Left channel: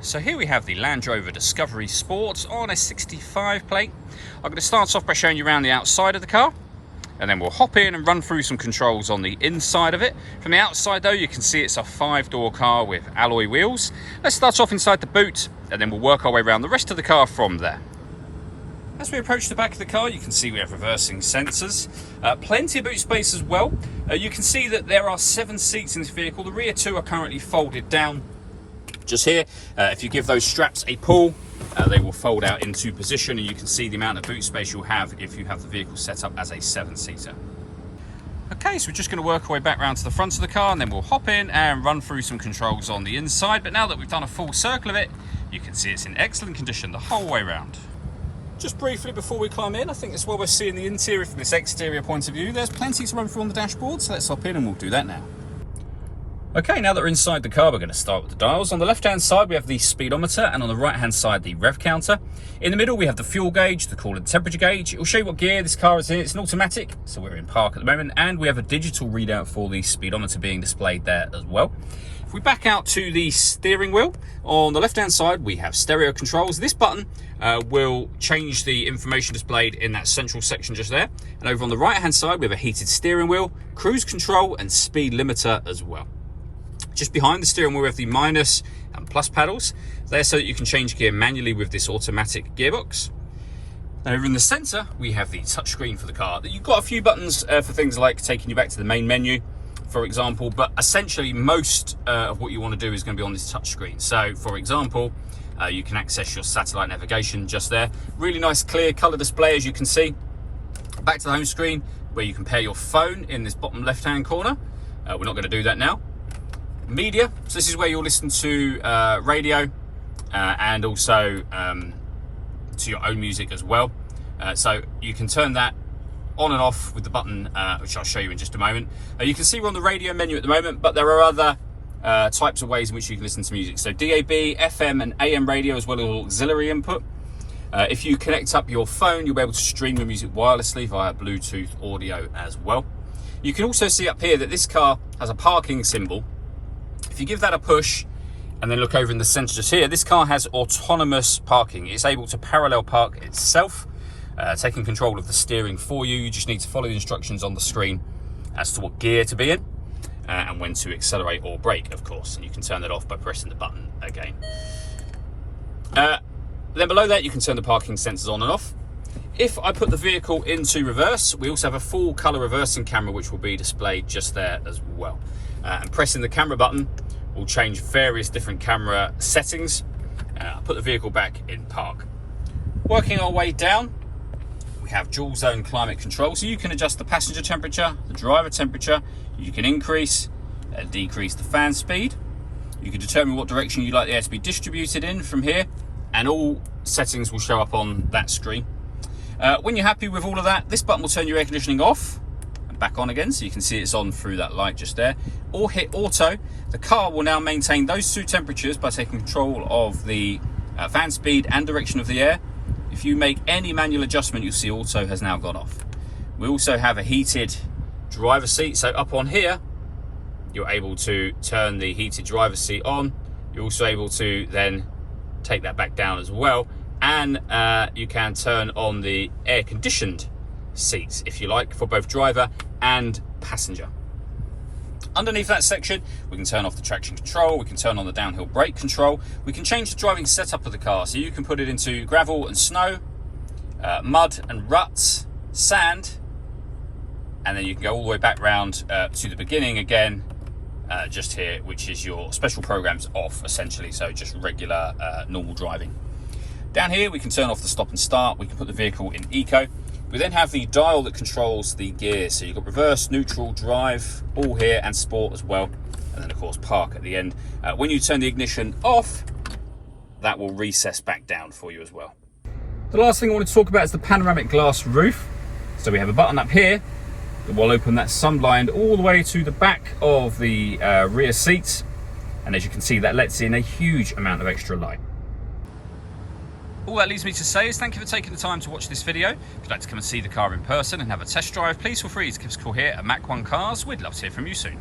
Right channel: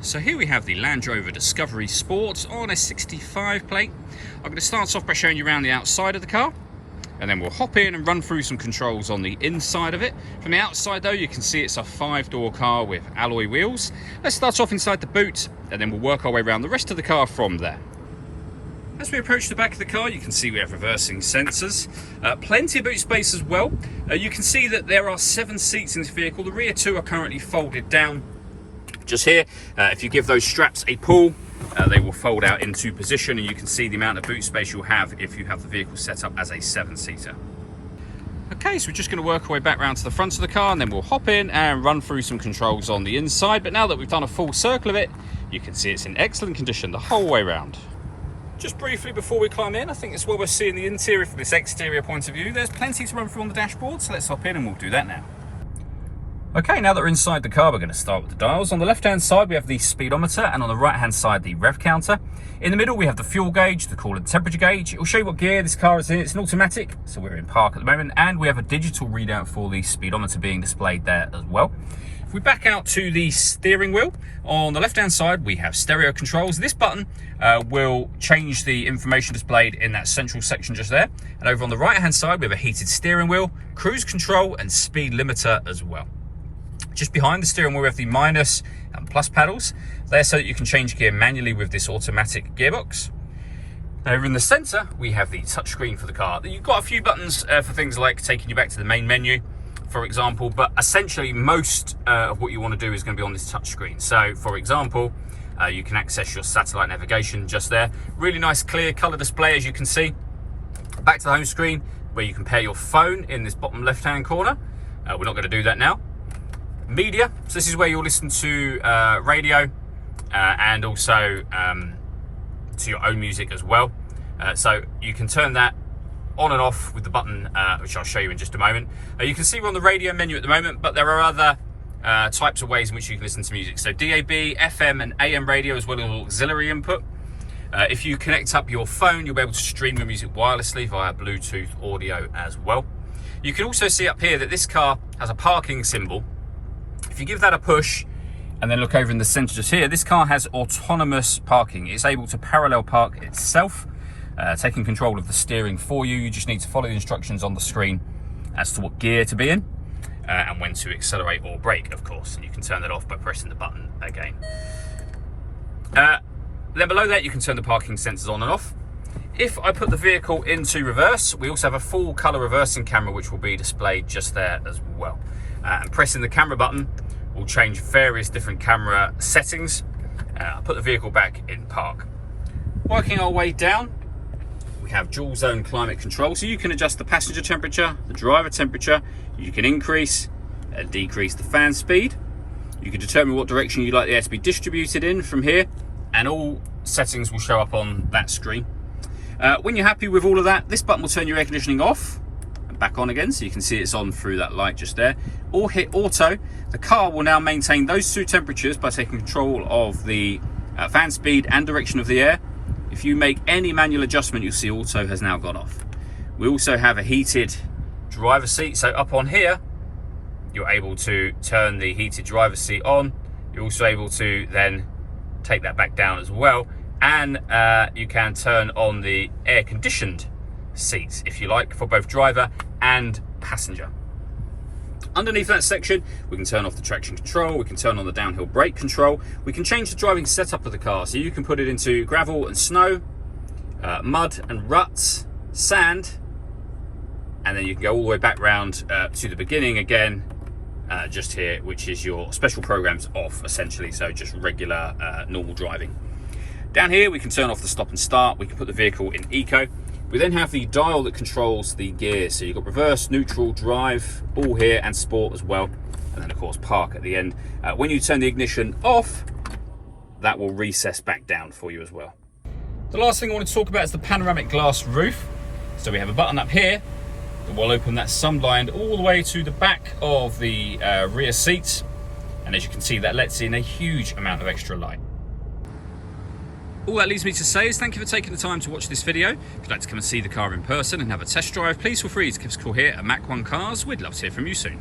So here we have the Land Rover Discovery Sport on a 65 plate. I'm going to start off by showing you around the outside of the car, and then we'll hop in and run through some controls on the inside of it. From the outside though, you can see it's a 5-door car with alloy wheels. Let's start off inside the boot, and then we'll work our way around the rest of the car from there. As we approach the back of the car, you can see we have reversing sensors. Plenty of boot space as well. You can see that there are 7 seats in this vehicle. The rear 2 are currently folded down. Just here, if you give those straps a pull, they will fold out into position, and you can see the amount of boot space you'll have if you have the vehicle set up as a 7-seater. Okay, so we're just going to work our way back around to the front of the car, and then we'll hop in and run through some controls on the inside. But now that we've done a full circle of it, you can see it's in excellent condition the whole way around. Just briefly before we climb in, I think it's where we're seeing the interior from this exterior point of view. There's plenty to run through on the dashboard, so let's hop in and we'll do that now. Okay, now that we're inside the car, we're going to start with the dials. On the left-hand side, we have the speedometer, and on the right-hand side, the rev counter. In the middle, we have the fuel gauge, the coolant temperature gauge. It will show you what gear this car is in. It's an automatic, so we're in park at the moment, and we have a digital readout for the speedometer being displayed there as well. If we back out to the steering wheel, on the left-hand side, we have stereo controls. This button will change the information displayed in that central section just there. And over on the right-hand side, we have a heated steering wheel, cruise control, and speed limiter as well. Just behind the steering wheel, we have the minus and plus paddles. They're so that you can change gear manually with this automatic gearbox. And over in the centre, we have the touchscreen for the car. You've got a few buttons for things like taking you back to the main menu, for example, but essentially most of what you want to do is going to be on this touchscreen. So, for example, you can access your satellite navigation just there. Really nice clear colour display, as you can see. Back to the home screen, where you can pair your phone in this bottom left-hand corner. We're not going to do that now. Media, so this is where you'll listen to radio and also to your own music as well. So you can turn that on and off with the button, which I'll show you in just a moment. You can see we're on the radio menu at the moment, but there are other types of ways in which you can listen to music. So DAB, FM and AM radio, as well as auxiliary input. If you connect up your phone, you'll be able to stream the music wirelessly via Bluetooth audio as well. You can also see up here that this car has a parking symbol. If you give that a push and then look over in the center just here, this car has autonomous parking. It's able to parallel park itself, taking control of the steering for you. You just need to follow the instructions on the screen as to what gear to be in and when to accelerate or brake, of course. And you can turn that off by pressing the button again. Then below that, you can turn the parking sensors on and off. If I put the vehicle into reverse, we also have a full color reversing camera, which will be displayed just there as well. And pressing the camera button will change various different camera settings. I'll put the vehicle back in park. Working our way down, we have dual zone climate control, so you can adjust the passenger temperature, the driver temperature. You can increase and decrease the fan speed. You can determine what direction you'd like the air to be distributed in from here, and all settings will show up on that screen. When you're happy with all of that, this button will turn your air conditioning off and back on again, so you can see it's on through that light just there. Or hit auto. The car will now maintain those 2 temperatures by taking control of the fan speed and direction of the air. If you make any manual adjustment, you'll see auto has now gone off. We also have a heated driver's seat, so up on here you're able to turn the heated driver's seat on. You're also able to then take that back down as well, and you can turn on the air conditioned seats if you like, for both driver and passenger. Underneath that section, we can turn off the traction control, we can turn on the downhill brake control, we can change the driving setup of the car, so you can put it into gravel and snow, mud and ruts, sand, and then you can go all the way back round to the beginning again, just here, which is your special programs off essentially, so just regular normal driving. Down here we can turn off the stop and start, we can put the vehicle in eco. We then have the dial that controls the gears, so you've got reverse, neutral, drive, all here, and sport as well, and then of course park at the end. When you turn the ignition off, that will recess back down for you as well. The last thing I want to talk about is the panoramic glass roof. So we have a button up here that will open that sunblind all the way to the back of the rear seats, and as you can see, that lets in a huge amount of extra light. All that leaves me to say is thank you for taking the time to watch this video. If you'd like to come and see the car in person and have a test drive, please feel free to give us a call here at Mach 1 Cars. We'd love to hear from you soon.